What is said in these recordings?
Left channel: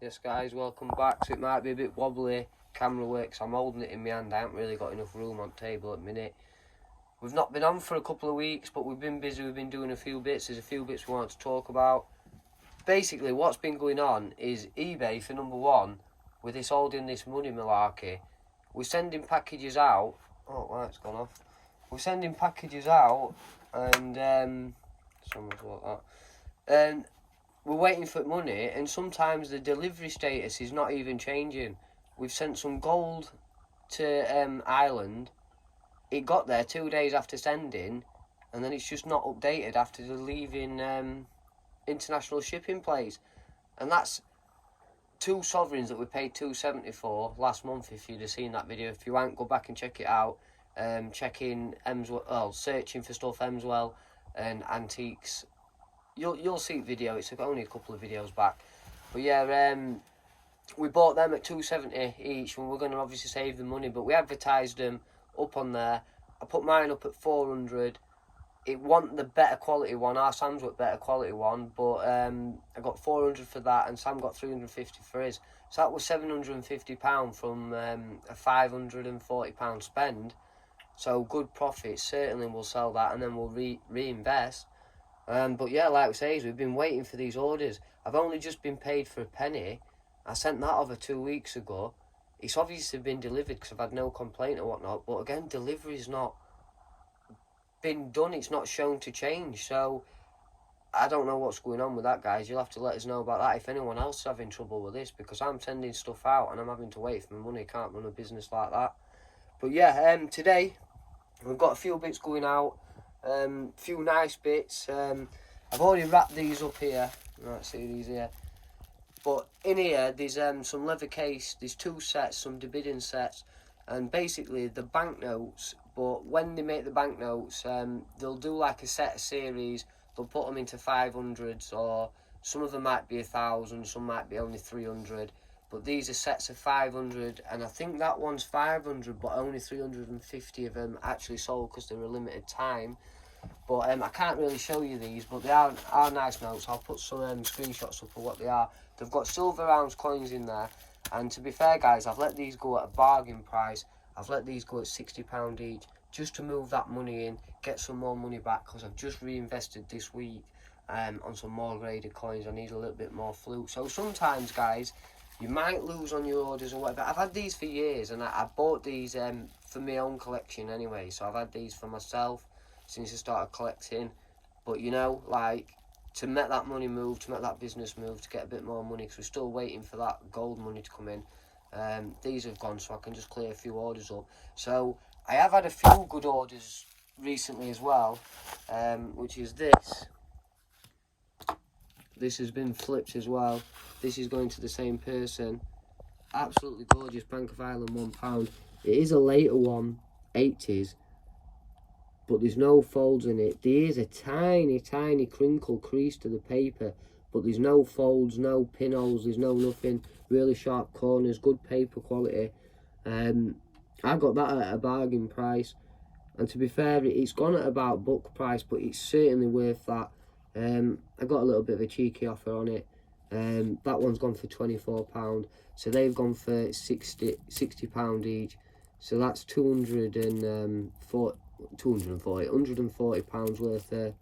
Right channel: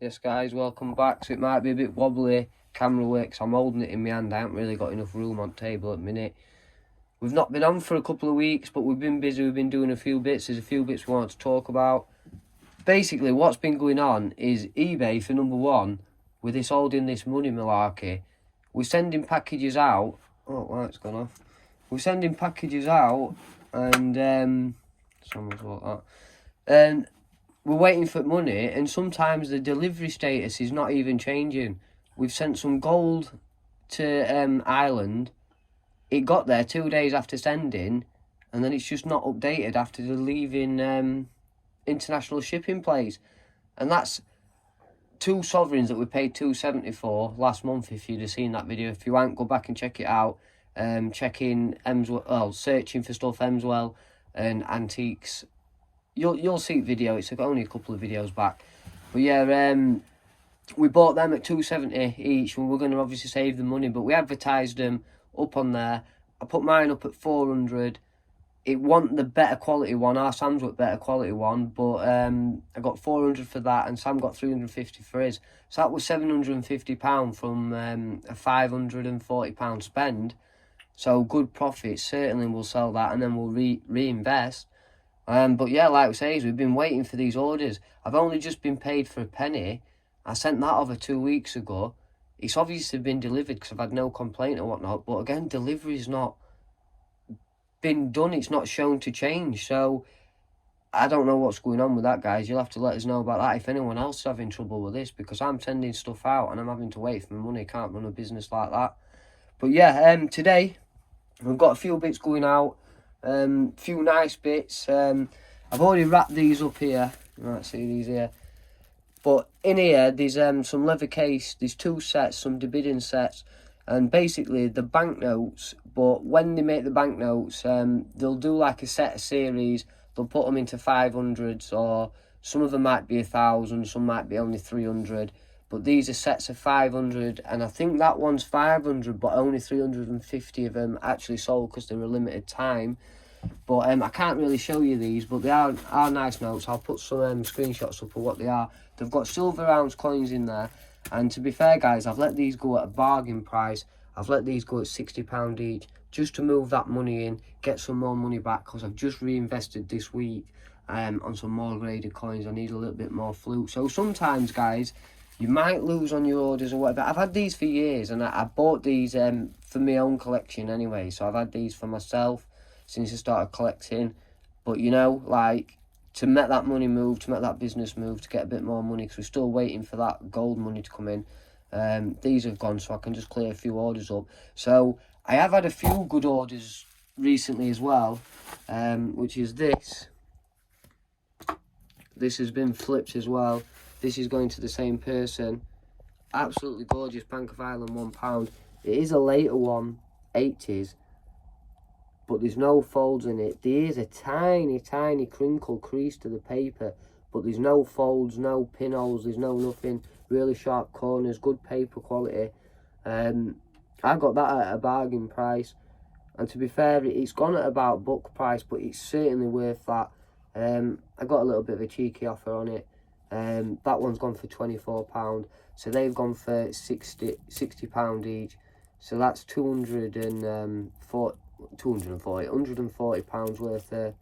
Yes guys, welcome back. So it might be a bit wobbly camera work 'cause I'm holding it in my hand. I haven't really got enough room on the table at the minute. We've not been on for a couple of weeks, but we've been busy. We've been doing a few bits. There's a few bits we want to talk about. Basically, what's been going on is eBay, for number one, with this holding this money malarkey. We're sending packages out. Oh, light's gone off. We're sending packages out, and someone's got that. And we're waiting for money, and sometimes the delivery status is not even changing. We've sent some gold to Ireland. It got there 2 days after sending, and then it's just not updated after the leaving international shipping place. And that's two sovereigns that we paid $270 for last month. If you'd have seen that video, if you haven't, go back and check it out. Checking Hemswell, searching for stuff Hemswell and antiques. You'll see the video. It's only a couple of videos back, but yeah, we bought them at $270 each, and we're going to obviously save the money. But we advertised them up on there. I put mine up at 400. It wasn't the better quality one. Our Sam's got better quality one, but I got 400 for that, and Sam got 350 for his. So that was £750 from a £540 spend. So good profit. Certainly we'll sell that, and then we'll reinvest. But yeah, like we say, we've been waiting for these orders. I've only just been paid for a penny. I sent that over 2 weeks ago. It's obviously been delivered because I've had no complaint or whatnot. But again, delivery's not been done. It's not shown to change. So I don't know what's going on with that, guys. You'll have to let us know about that if anyone else is having trouble with this, because I'm sending stuff out and I'm having to wait for my money. Can't run a business like that. But yeah, today we've got a few bits going out. Few nice bits. I've already wrapped these up here. You might see these here. But in here, there's some leather case. There's two sets, some bidding sets, and basically the banknotes. But when they make the banknotes, they'll do like a set of series. They'll put them into 500s, or some of them might be 1,000, some might be only 300. But these are sets of 500, and I think that one's 500, but only 350 of them actually sold because they're a limited time. But I can't really show you these, but they are nice notes. I'll put some screenshots up of what they are. They've got silver ounce coins in there, and to be fair, guys, I've let these go at a bargain price. I've let these go at £60 each, just to move that money in, get some more money back, because I've just reinvested this week on some more graded coins. I need a little bit more flute. So sometimes, guys, you might lose on your orders or whatever. I've had these for years, and I bought these for my own collection anyway. So I've had these for myself since I started collecting. But, you know, like, to make that money move, to make that business move, to get a bit more money, because we're still waiting for that gold money to come in. These have gone, so I can just clear a few orders up. So I have had a few good orders recently as well, which is this. This has been flipped as well. This is going to the same person. Absolutely gorgeous Bank of Ireland £1. It is a later one, 80s, but there's no folds in it. There is a tiny, tiny crinkle crease to the paper, but there's no folds, no pinholes, there's no nothing. Really sharp corners, good paper quality. I got that at a bargain price, and to be fair, it's gone at about book price, but it's certainly worth that. I got a little bit of a cheeky offer on it. That one's gone for £24, so they've gone for £60 each. So that's £140 worth of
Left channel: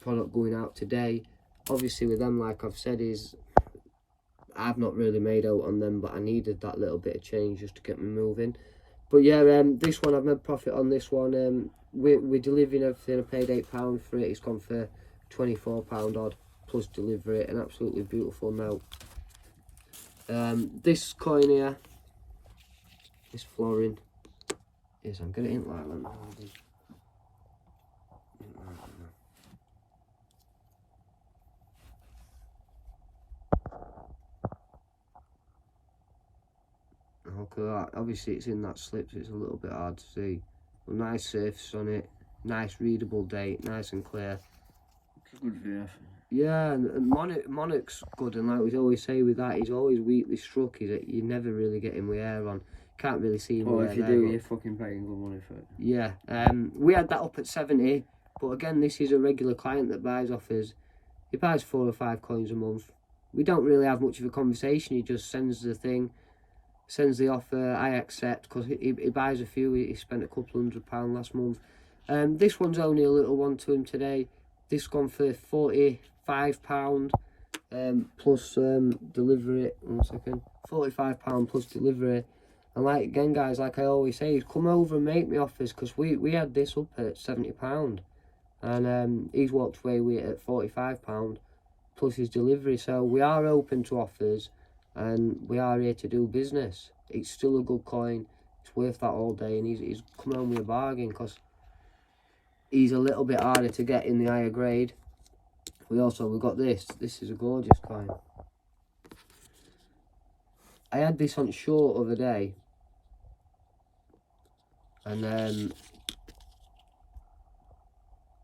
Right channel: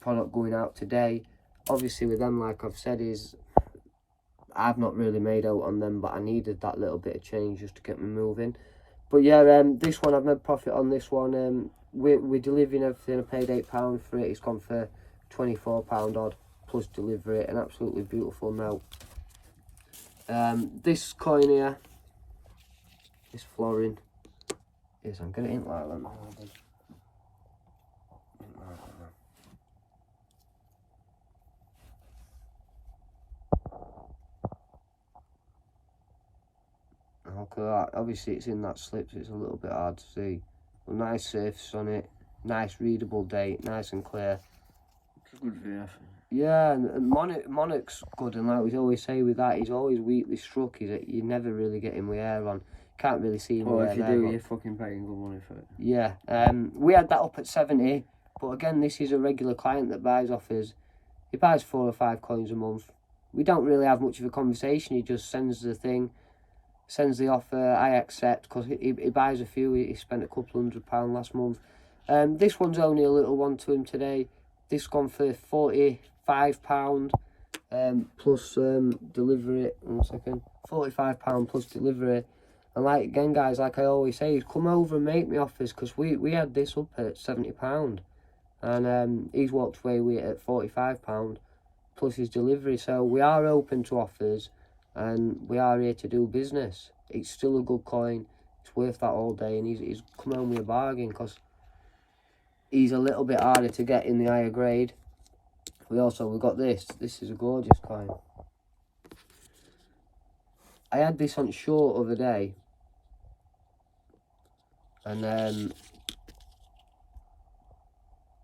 product going out today. Obviously with them, like I've said, is I've not really made out on them, but I needed that little bit of change just to get me moving. But yeah, this one I've made profit on. This one, we're delivering everything. I paid £8 for it. It's gone for £24 odd plus delivery. An absolutely beautiful note. This coin here, this florin, is I'm gonna ink like that. Okay, obviously it's in that slip, so it's a little bit hard to see. But nice surface on it, nice readable date, nice and clear. It's good VF. Yeah, and Monarch's good, and like we always say with that, he's always weakly struck. You never really get him with air on. Can't really see him. Well, if you do, you're fucking paying good money for it. Yeah, we had that up at 70, but again, this is a regular client that buys off us. He buys 4 or 5 coins a month. we don't really have much of a conversation. He just sends the thing, sends the offer, I accept, because he buys a few. He spent a couple £100 last month. This one's only a little one to him today. This gone for £45 plus delivery. 1 second. £45 plus delivery. And like again, guys, like I always say, come over and make me offers, because we had this up at £70, and he's walked away with it at £45 plus his delivery. So we are open to offers, and we are here to do business. It's still a good coin. It's worth that all day, and he's come home with a bargain, because he's a little bit harder to get in the higher grade. We've got this. This is a gorgeous coin. I had this on short other day, and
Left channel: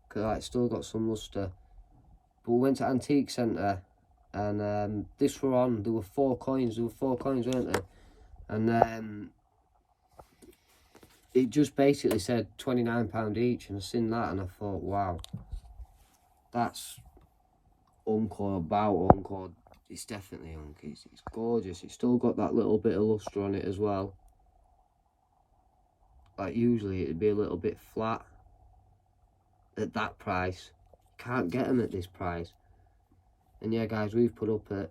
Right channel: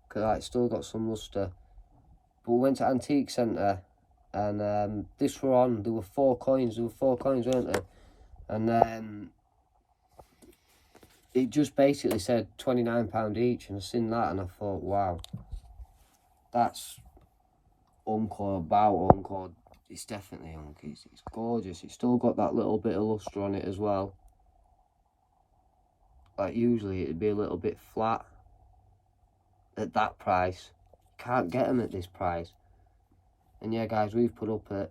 cause it's still got some luster. But we went to Antique Centre, and this were on. There were 4 coins. There were 4 coins, weren't there? And it just basically said £29 each, and I seen that, and I thought, wow, that's Encore. It's definitely Unc. It's gorgeous. It's still got that little bit of luster on it as well. Like usually it'd be a little bit flat at that price. Can't get them at this price. And yeah, guys, we've put up at,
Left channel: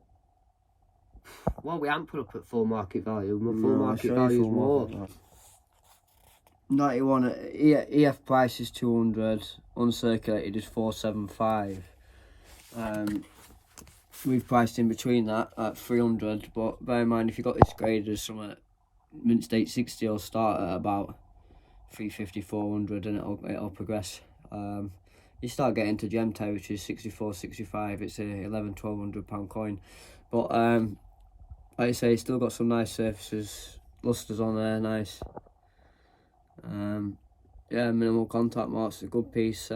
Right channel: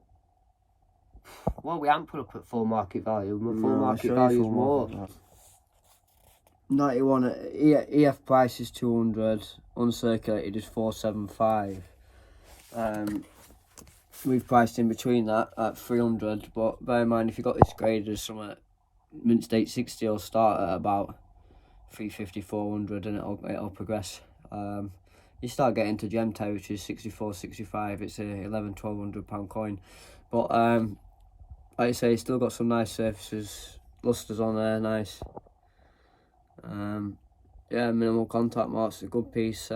well, we haven't put up at full market value. Full market value is more. 91 EF price is 200, uncirculated is 475. We've priced in between that at 300, but bear in mind, if you got this graded as something mint state 60, it'll start at about 350, 400, and it'll progress. You start getting to gem territory, 64, 65. It's a £1,100-1,200 coin, but like I say, it's still got some nice surfaces, lusters on there, nice. Yeah, minimal contact marks, a good piece.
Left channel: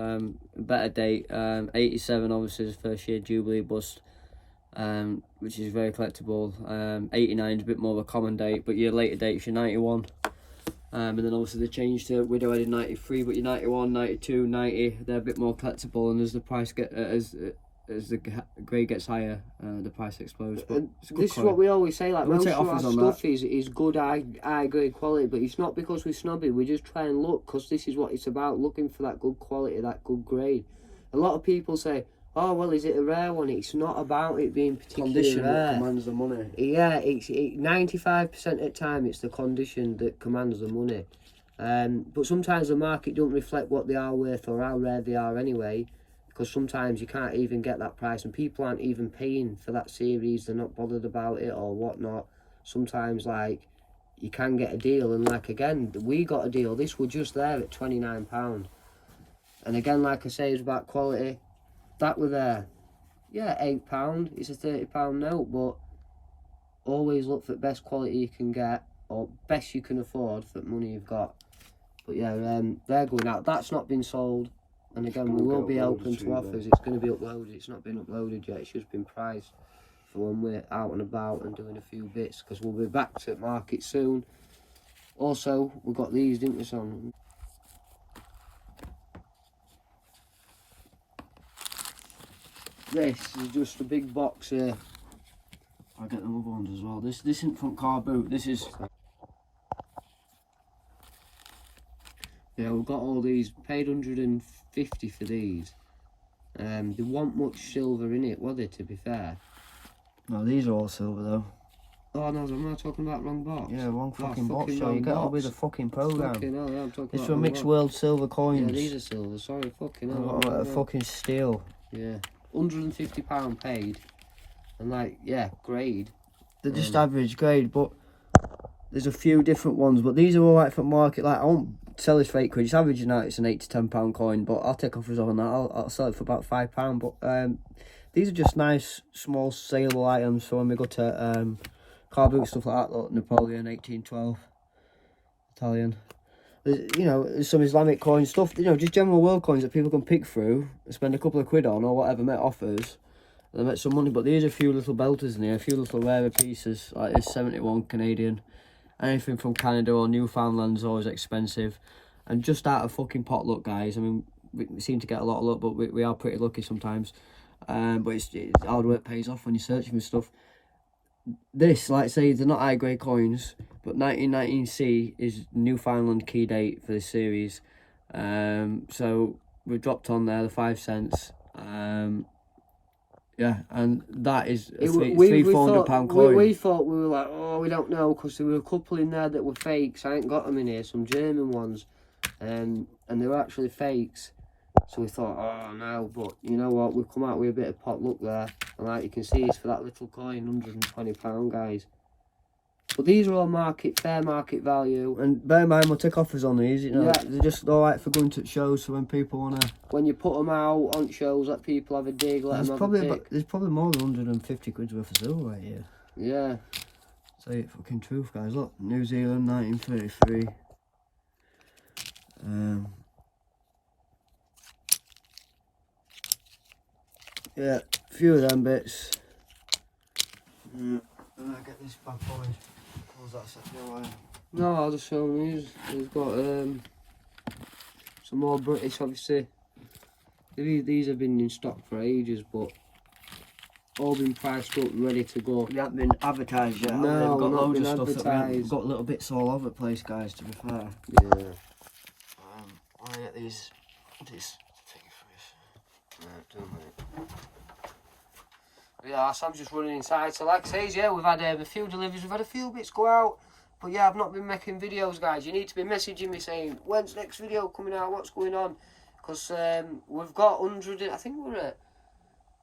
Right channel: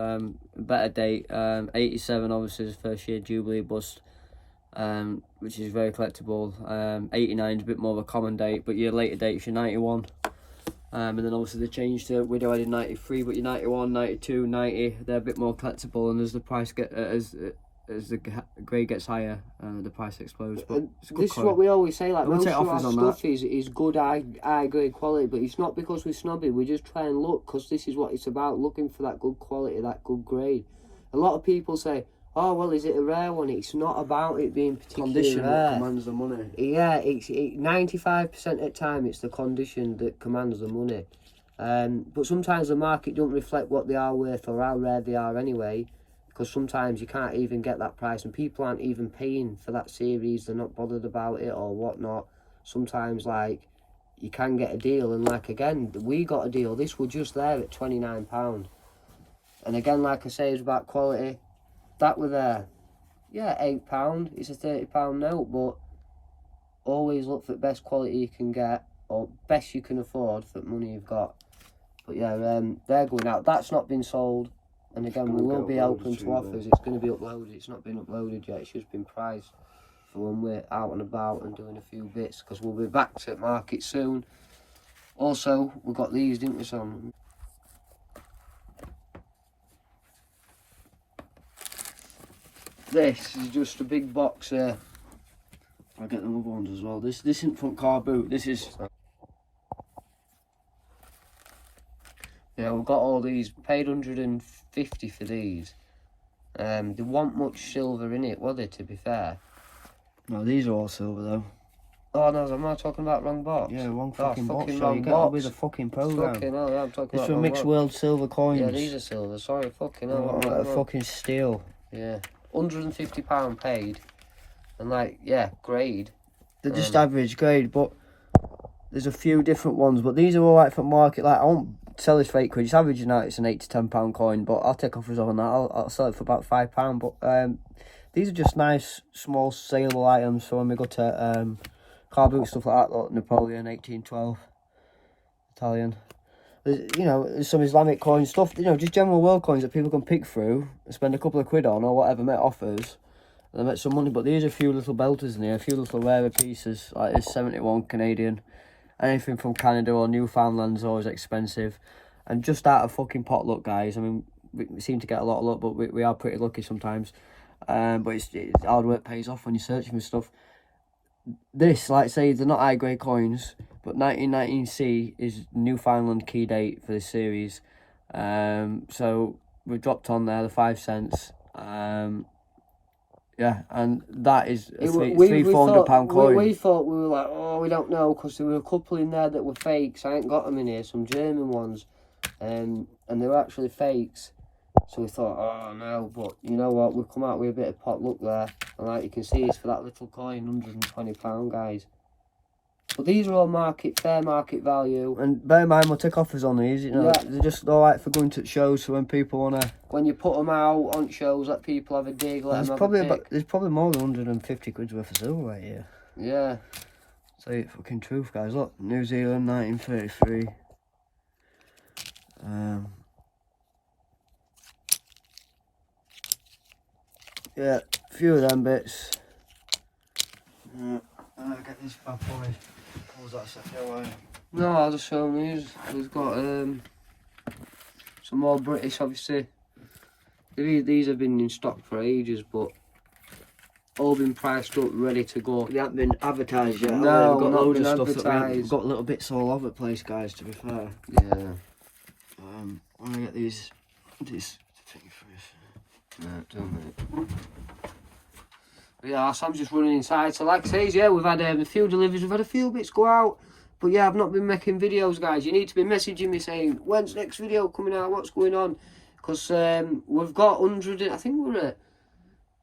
Better date, 87 obviously is first year Jubilee bust, which is very collectible. 89 is a bit more of a common date, but your later date is your 91. And then obviously they changed to widow headed 93, but your 91, 92, 90, they're a bit more collectible, and as the price as the grade gets higher, the price explodes. But it's a good this coin. Is what we always say, like, most of our stuff that. is good high grade quality, but it's not because we're snobby. We just try and look, because this is what it's about, looking for that good quality, that good grade. A lot of people say, oh, well, is it a rare one? It's not about it being particularly condition rare. that commands the money. Yeah, 95% of the time it's the condition that commands the money. But sometimes the market don't reflect what they are worth or how rare they are anyway, because sometimes you can't even get that price, and people aren't even paying for that series. They're not bothered about it or whatnot. Sometimes, like, you can get a deal, and like again, we got a deal. This was just there at £29, and again, like I say, it's about quality. That were there, yeah, £8. It's a £30 note, but always look for the best quality you can get, or best you can afford for the money you've got. But yeah, they're going out. That's not been sold, and again, we will be open to offers. It's going to be uploaded. It's not been uploaded yet. It's just been priced for when we're out and about and doing a few bits, because we'll be back to market soon. Also, we got these, didn't we, Sam? This is just a big box here. I'll get the other ones as well. This isn't from carboot. This is. Yeah, we've got all these. Paid 150 for these. There wasn't much silver in it, was there? To be fair. No, these are all silver though. Oh no, am I talking about wrong box? Yeah, wrong fucking box. Fucking So you get on with the fucking program. Fucking hell, yeah, I'm talking This about for mixed world silver coins. Yeah, these are silver. Sorry, fucking hell. Oh, fucking steel. Yeah, £150 paid, and like, yeah, grade. They're just average grade, but there's a few different ones. But these are all right for market. Like, I won't sell this for £8. It's averaging out. It's an £8 to £10 coin, but I'll take offers on that. I'll sell it for about £5. But these are just nice, small, saleable items for when we go to car boot stuff like that. Look, Napoleon 1812, Italian. You know, there's some Islamic coin stuff. You know, just general world coins that people can pick through, spend a couple of quid on or whatever, make offers, and they make some money. But there's a few little belters in here, a few little rarer pieces, like this 71 Canadian. Anything from Canada or Newfoundland is always expensive. And just out of fucking pot luck, guys. I mean, we seem to get a lot of luck, but we are pretty lucky sometimes. But it's hard work pays off when you're searching for stuff. This, like say, they're not high grade coins, but 1919C is Newfoundland key date for this series. So we dropped on there the 5 cents. Yeah, and that is a £300-400 coin. We thought, we were like, oh, we don't know, because there were a couple in there that were fakes. I ain't got them in here, some German ones, and they were actually fakes. So we thought, oh no, but you know what, we've come out with a bit of pot luck there, and like you can see, it's for that little coin, £120, guys. But these are all fair market value. And bear in mind, we'll take offers on these, you know. Yeah. They're just alright for going to shows, so when people want to... When you put them out on shows, let people have a dig, there's probably more than 150 quid worth of silver right here. Yeah. Say it fucking truth, guys. Look, New Zealand, 1933. Yeah, a few of them bits. Get this bad boy. What was that set away? No, I'll just show these. We've got some more British, obviously. These have been in stock for ages, but all been priced up, ready to go. They haven't been advertised yet. No, we've got not loads been of stuff advertised. We've got little bits all over the place, guys, to be fair. Yeah. I want to get this thing first. No, don't mate. Yeah, so I'm just running inside. So like I say, yeah, we've had a few deliveries, we've had a few bits go out. But yeah, I've not been making videos, guys. You need to be messaging me saying, when's next video coming out, what's going on? Because we've got 100, I think we're at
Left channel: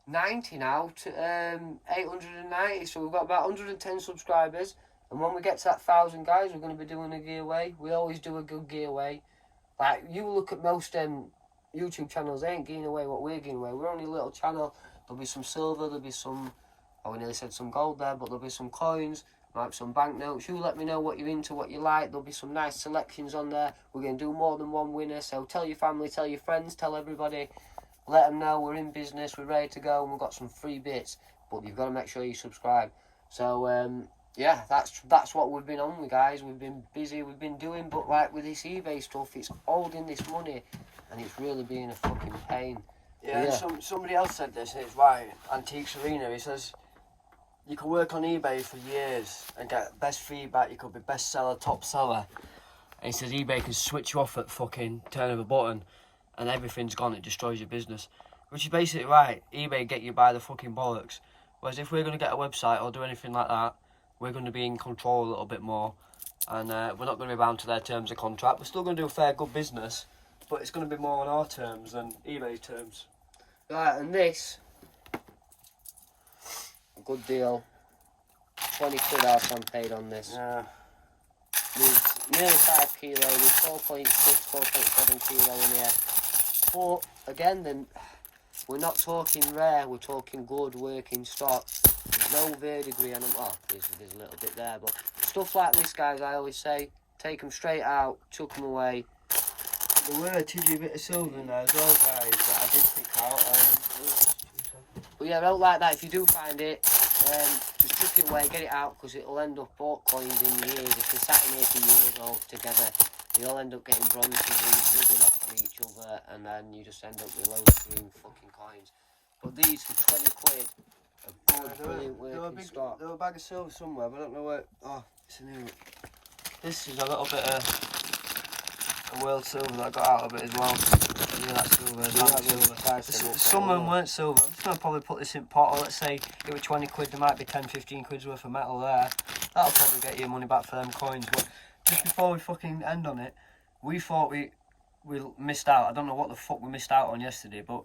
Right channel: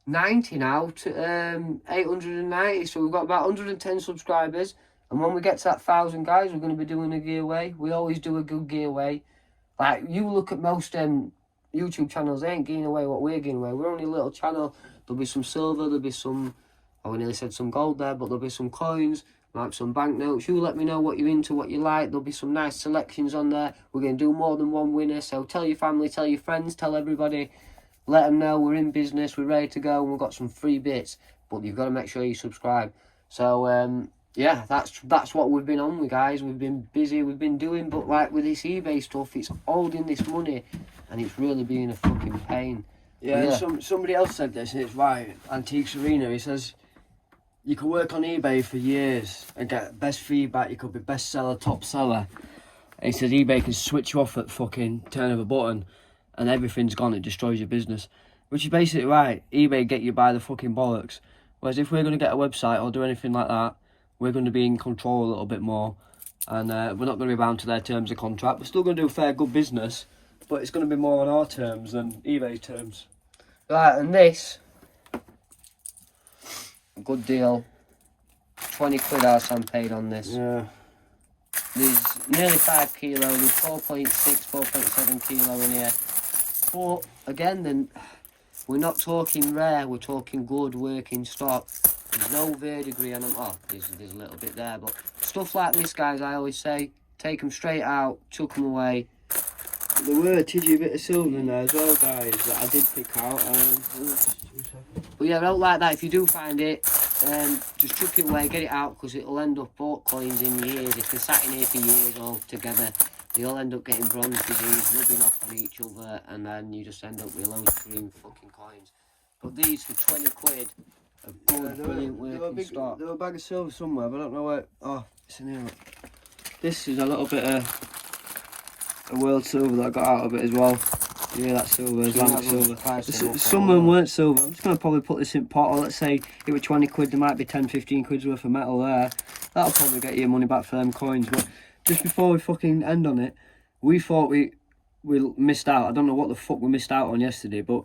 90 now, 890. So we've got about 110 subscribers. And when we get to that 1,000, guys, we're going to be doing a giveaway. We always do a good giveaway. Like, you look at most YouTube channels, they ain't giving away what we're giving away. We're only a little channel. There'll be some silver, there'll be some, I nearly said some gold there, but there'll be some coins, like some banknotes. You let me know what you're into, what you like. There'll be some nice selections on there. We're going to do more than one winner, so tell your family, tell your friends, tell everybody. Let them know we're in business, we're ready to go, and we've got some free bits. But you've got to make sure you subscribe. So, yeah, that's what we've been on with, guys. We've been busy, we've been doing, but like with this eBay stuff, it's holding this money, and it's really being a fucking pain. Yeah, somebody else said this, it's right, Antiques Arena, he says, you can work on eBay for years and get best feedback, you could be best seller, top seller. He says eBay can switch you off at fucking turn of a button and everything's gone, it destroys your business. Which is basically right, eBay get you by the fucking bollocks. Whereas if we're going to get a website or do anything like that, we're going to be in control a little bit more. And we're not going to be bound to their terms of contract. We're still going to do fair, good business, but it's going to be more on our terms than eBay's terms. Right, and this, good deal, 20 quid our son paid on this. Yeah. There's nearly 5 kilos, 4.6, 4.7 kilo in here. But, again, then, we're not talking rare, we're talking good working stock. There's no verdigris on them. Oh, there's a little bit there, but stuff like this, guys, I always say, take them straight out, chuck them away. There were a tidgy bit of silver in there as well, guys, that I did pick out. But yeah, I don't like that. If you do find it, just chuck it away, get it out, because it'll end up bought coins in your ears. If you're sat in here for years all together, you'll end up getting bronze degrees, rubbing off on each other, and then you just end up with loads of green fucking coins. But these for 20 quid are good, brilliant working stock. There were a bag of silver somewhere, but I don't know where. Oh, it's in here. This is a little bit of a world silver that I got out of it as well. Yeah, that's silver, silver. Some of them weren't silver. I'm just going to probably put this in pot, or let's say it was 20 quid, there might be 10-15 quid's worth of metal there. That'll probably get your money back for them coins. But just before we fucking end on it, we thought we missed out. I don't know what the fuck we missed out on yesterday, but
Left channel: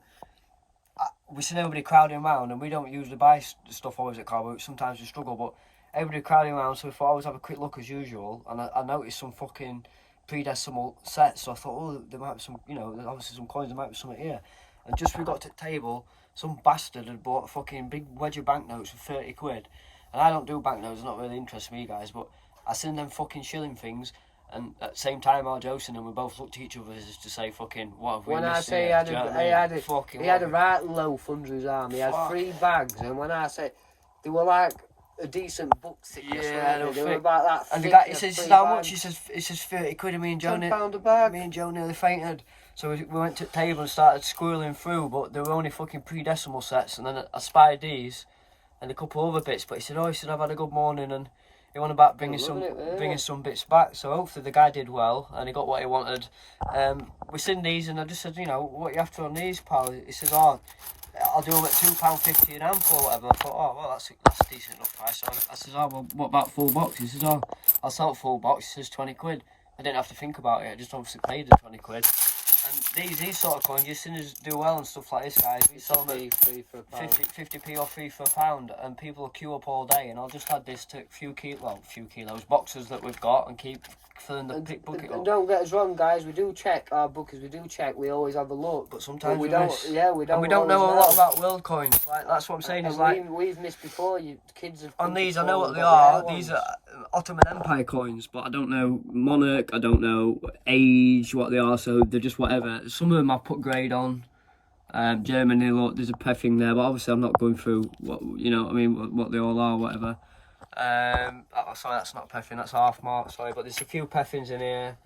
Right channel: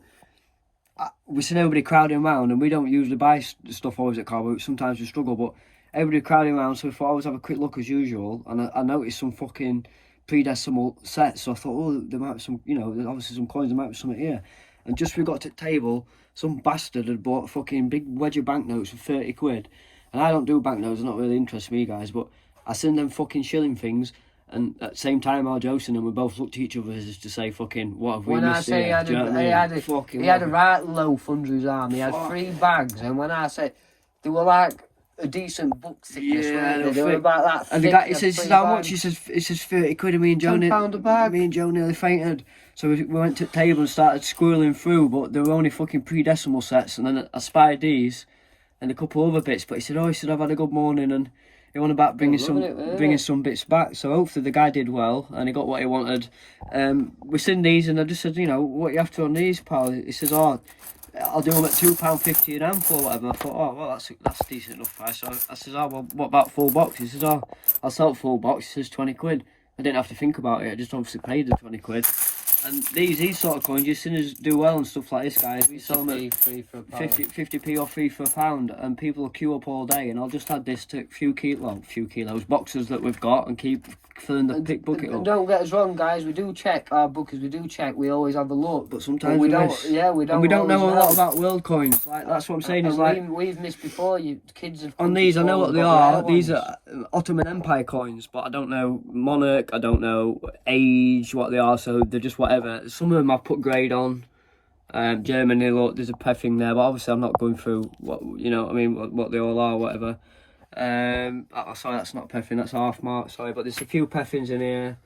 we seen everybody crowding around, and we don't usually buy stuff always at carboot. Sometimes we struggle, but everybody crowding around, so we thought I always have a quick look as usual, and I noticed some fucking pre-decimal sets, so I thought, oh, there might be some, you know, obviously some coins, there might be something here. And just we got to the table, some bastard had bought a fucking big wedge of banknotes for 30 quid. And I don't do banknotes, they're not really interested me, guys, but I seen them fucking shilling things, and at the same time I was joking, and we both looked at each other as to say, fucking, what have we missed here? He had a right loaf under his arm, he had 3 bags, and when I said, they were like a decent book thickness, they were about that thick. And the guy, he says, how much? He says 30 quid, and me and Joe, £10 a bag. Me and Joe nearly fainted. So we went to the table and started squirreling through, but they were only fucking pre-decimal sets. And then I spied these and a couple other bits. But he said, I've had a good morning, and he went about bringing some bits back. So hopefully the guy did well and he got what he wanted. We seen these, and I just said, you know, what you after on these, pal? He says, oh, I'll do them at £2.50 an amp or whatever. I thought, oh, well, that's decent enough price. So I says, oh, well, what about full box? He says, oh, I'll sell full box. He says, 20 quid. I didn't have to think about it. I just obviously paid the 20 quid. And these sort of coins, you've seen us do well and stuff like this, guys. We sell them at 50p or 3 for a pound, and people will queue up all day. And I'll just add this to few kilos, boxes that we've got, and keep filling the pick bucket up. And don't get us wrong, guys. We do check our bookers. We do check. We always have a look, but sometimes we don't. Yeah, we don't. And we don't know a lot about world coins. Like that's what I'm saying. Is like we've missed before. You kids have. On these, I know what they are. These are Ottoman Empire coins, but I don't know monarch. I don't know age, what they are. So they're just whatever. Some of them I've put grade on. Germany, look, there's a peffing there, but obviously I'm not going through what what they all are, whatever. Sorry, that's not peffing, that's half mark. Sorry, but there's a few peffings in here.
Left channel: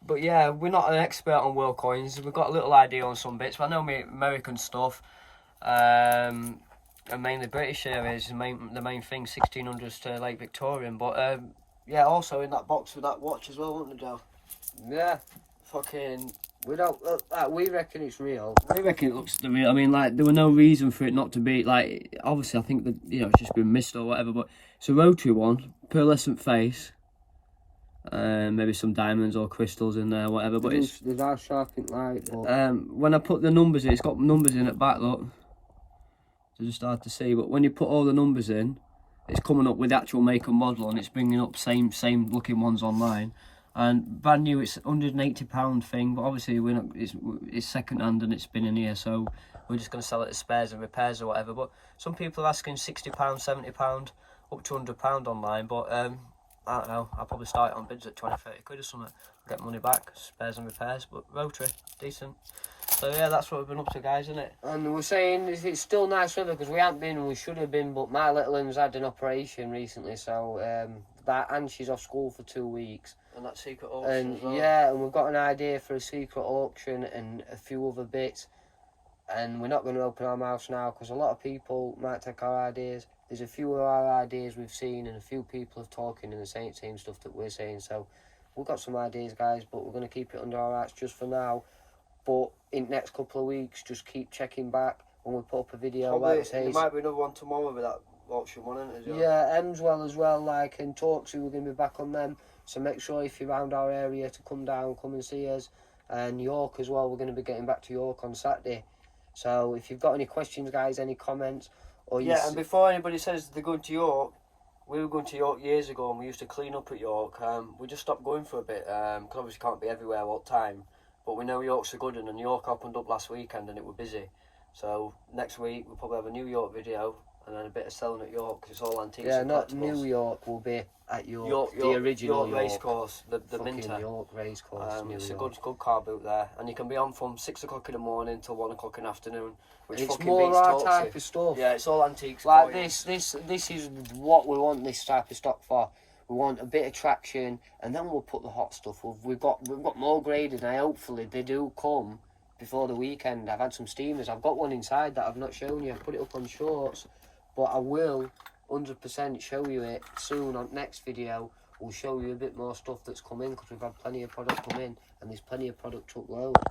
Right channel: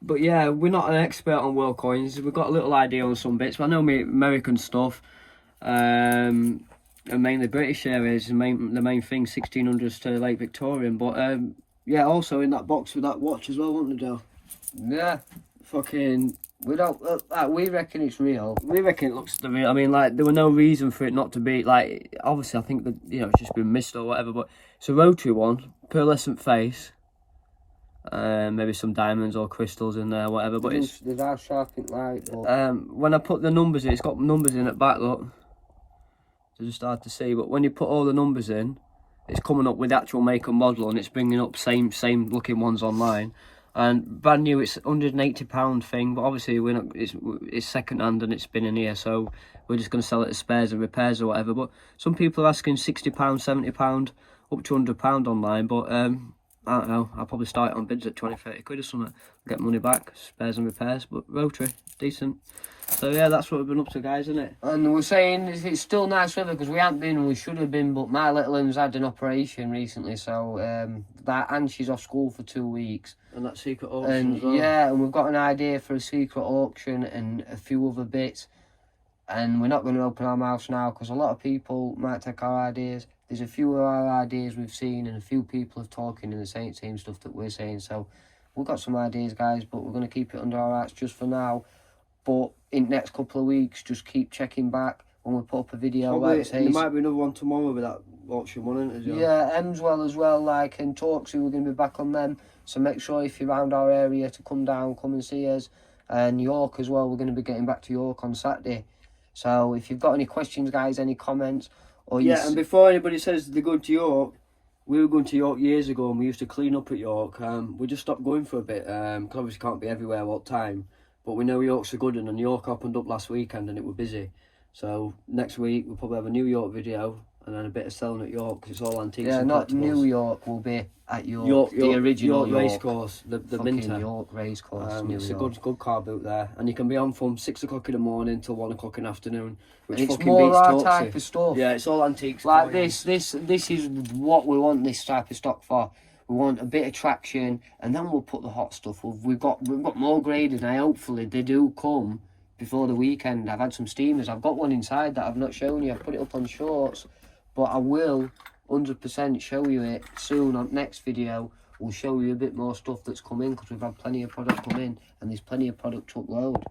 But yeah, we're not an expert on world coins. We've got a little idea on some bits. But I know me American stuff, and mainly British areas. The main thing, 1600s to late Victorian. But yeah, also in that box with that watch as well, wasn't there, Joe? Yeah. Fucking. We don't. We reckon it's real. We reckon it looks the real. I mean, like there were no reason for it not to be. Like obviously, I think that it's just been missed or whatever. But it's a rotary one, pearlescent face, maybe some diamonds or crystals in there, whatever. But there's our sharpened light. But... when I put the numbers in, it's got numbers in at back. Look, it's just hard to see. But when you put all the numbers in, it's coming up with the actual make and model, and it's bringing up same looking ones online. And brand new, it's £180 thing, but obviously we're not. It's second hand and it's been in here, so we're just going to sell it as spares and repairs or whatever. But some people are asking £60, £70, up to £100 online. But I don't know. I'll probably start it on bids at 20, 30 quid or something. Get money back, spares and repairs. But rotary, decent. So yeah, that's what we've been up to, guys, isn't it? And we're saying it's still nice weather because we haven't been and we should have been, but my little one's had an operation recently, so and she's off school for 2 weeks. And that secret auction as well. Yeah, and we've got an idea for a secret auction and a few other bits. And we're not going to open our mouths now because a lot of people might take our ideas. There's a few of our ideas we've seen and a few people have talking and the same stuff that we're saying. So we've got some ideas, guys, but we're going to keep it under our arts just for now. But in the next couple of weeks, just keep checking back when we put up a video. Probably, like there might be another one tomorrow with that auction one, isn't it? Yeah, Hemswell as well, like, and Torksey, we're going to be back on them. So make sure if you're around our area to come down, come and see us. And York as well, we're going to be getting back to York on Saturday. So if you've got any questions, guys, any comments, or and before anybody says they're going to York, we were going to York years ago and we used to clean up at York. We just stopped going for a bit because obviously can't be everywhere all the time. But we know York's a good one, and York opened up last weekend and it was busy. So next week we'll probably have a New York video and then a bit of selling at York because it's all antiques and not collectibles. New York, will be at York, the original York racecourse, the Minter. York racecourse. It's a good car boot there, and you can be on from 6 o'clock in the morning till 1 o'clock in the afternoon. Which it's fucking more beats our Torksey. type of stuff. Yeah, it's all antiques. Like this is what we want this type of stock for. We want a bit of traction, and then we'll put the hot stuff. We've got more graded, and hopefully they do come before the weekend. I've had some steamers. I've got one inside that I've not shown you. I put it up on shorts, but I will 100% show you it soon on next video. We'll show you a bit more stuff that's come in because we've had plenty of product come in, and there's plenty of product to upload.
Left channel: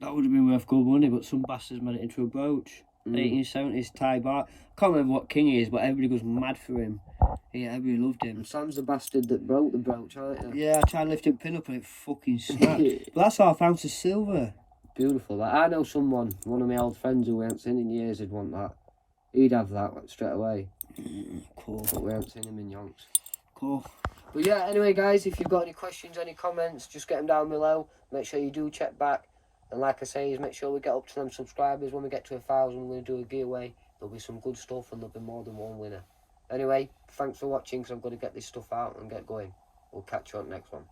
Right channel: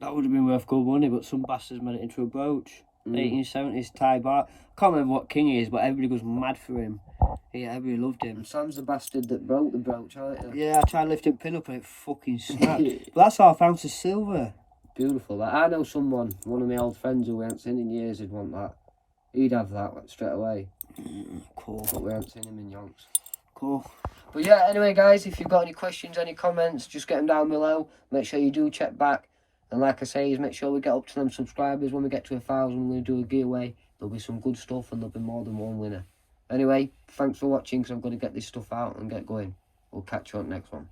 That would have been worth good money, but some bastards made it into a brooch. 1870s Thai bar. Can't remember what king he is, but everybody goes mad for him. Yeah, everybody loved him. And Sam's the bastard that broke the brooch, aren't you? Yeah, I tried to lift him pin up and it fucking snapped. But that's half ounce of silver. Beautiful. Like, I know someone, one of my old friends who we haven't seen in years, would want that. He'd have that straight away. Cool. But we haven't seen him in yonks. Cool. But yeah, anyway, guys, if you've got any questions, any comments, just get them down below. Make sure you do check back. And like I say, make sure we get up to them subscribers. When we get to 1,000, we're going to do a giveaway. There'll be some good stuff and there'll be more than one winner. Anyway, thanks for watching because I'm going to get this stuff out and get going. We'll catch you on the next one.